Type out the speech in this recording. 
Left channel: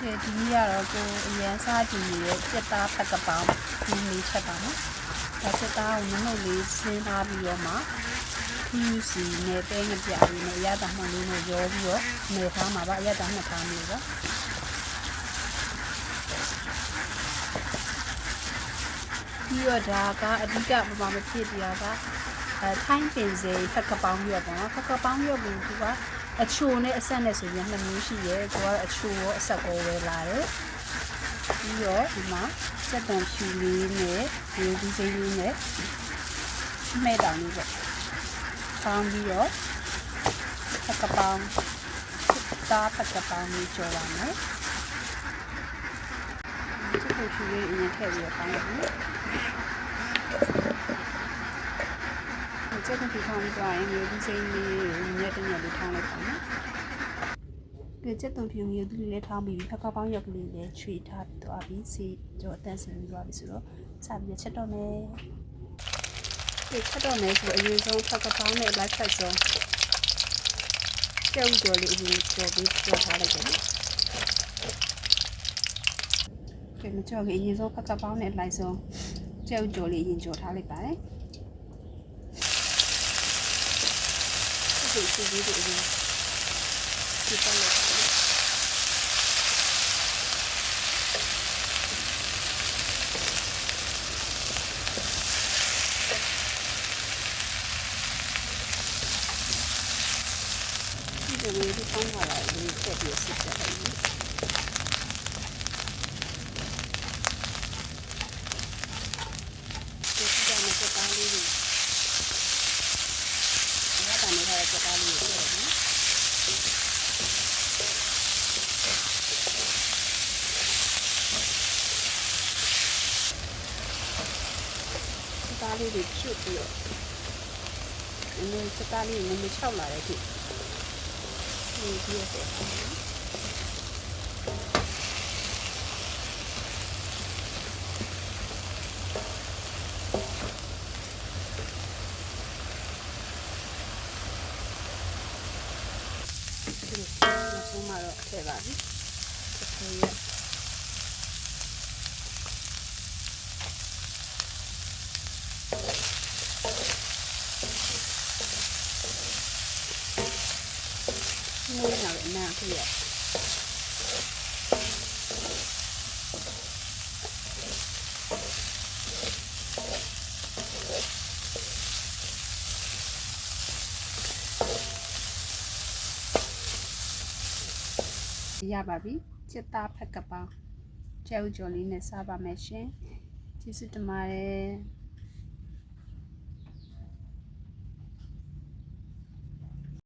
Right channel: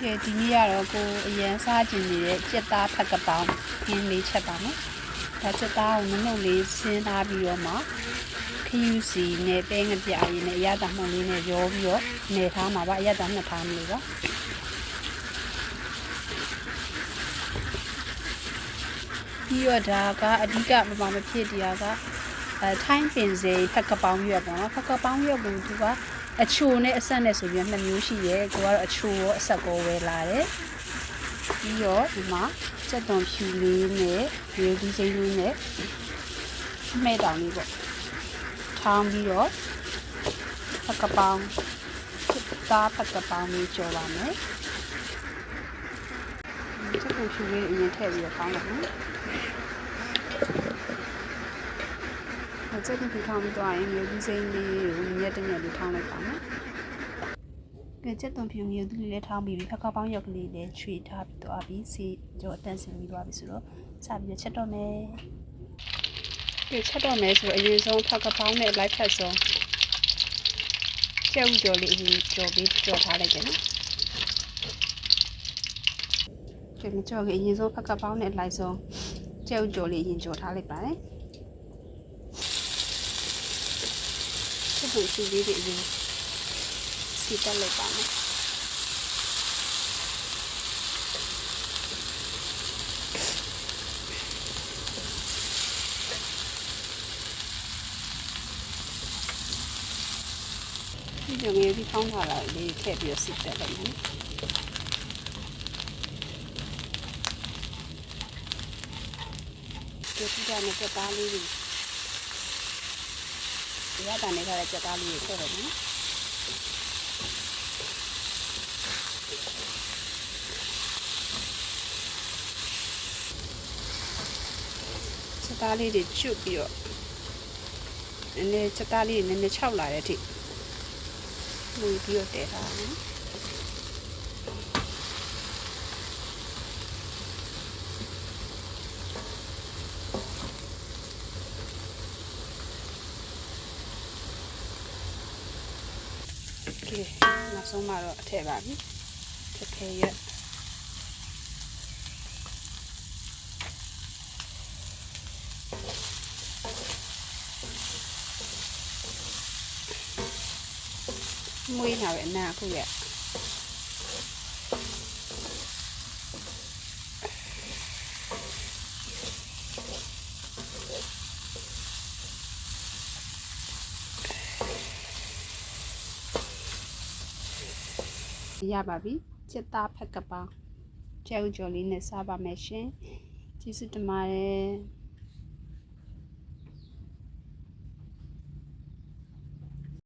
ကဲဒီနေ့ကတော့ကိုအရန်စားကြည့်နေတဲ့ကြက်သားဖက်ကပောင်းဒီလေးချက်ပါမယ်။ဒါကြက်သားကိုနုံလေးဆင်းထားပြီးတော့မှခူးစီနဲ့တဲငပြားရည်နဲ့အရသာမှန်လေးနဲ့ရောပြီးတော့နေထားမှာပါအရသာနှစ်ထားမျိုးပါ။ပြီးတော့ဒါကအဓိကမဖြစ်တရားကထိုင်းပင်စေဖက်ကပောင်းရွက်ပေါ့နော်ဖက်ကပောင်းရွက်ကိုသူကအချိုနဲ့အဆက်နဲ့ဆိုပြီးနှစ်မျိုးရှိရဲသူကတော့အချိုရောအဆက်ကိုဝယ်လာတယ်ပြီးတော့ဒီမှာစက်သွန်ဖြူလေးနဲ့ရိုးဒီစိမ်းလေးနဲ့မဲ့တောင်လေးပေါ့ထောင်းပြီးတော့ဖက်ကပောင်းသားဖက်ကပောင်းလေးကြော်ပါမယ်စက်သွန်ဖြူလေးအရင်ထည့်ပြီးတော့ထောင်းလိုက်ပြီကျက်သွန်ဖြူထောင်းပြီးတော့ရင်ရိုးဒီစိမ်းလေးကိုညက်လေးထောင်းလိုက်ပါမယ်ကျက်သွန်ဖြူမျိုးသူလေးထောင်းပြီးဖက်ကပောင်းရောက်ကလေးလည်းချွေထားပြီးသွားပြီးစီကြောအတန့်စင်ပြီးသွားပြီဆိုတော့စပြီးချက်တော့မယ်ချက်တော့မယ်ဆိုတော့အရင်ဆုံးဖက်ကပောင်းနဲ့လိုက်ဖက်ဆုံးကျဲဥကြော်လေးအရင်ကြော်ပြီးကြော်ထားလိုက်တယ်နော်မကြော်ခင်အရင်ဆုံးဖက်ကပောင်းနဲ့လိုက်ဆုံးကျဲဥကြော်လေးအရင်ကြော်ထားလိုက်ပါတယ်ဒီစီလေးတွေအရင်ဒီတက်လိုက်ပါမယ်ဒီလိုဒီဖောင်းလာလိုက်လေးထည့်ပြီးစစ်တက်လိုက်ပြီဒီကနေ့စပါးလေးတွေရတာနဲ့ထားတဲ့စပါးလေးကိုထည့်လိုက်ပြီသားလေးတွေကျွတ်ပြီးတော့စသားလေးနည်းနည်းခြောက်လာတဲ့အထိပို့ပြီးတော့တယ်နောက်ဆုံးမှတော့ထည့်ပါပြီထည့်ရမွေးလာတဲ့အနာခုရရပါပြီစက်သားဖက်ကပောင်းကျဲဥကြော်လေးနဲ့စားပါမယ်ရှင်ကျေးဇူးတင်ပါတယ်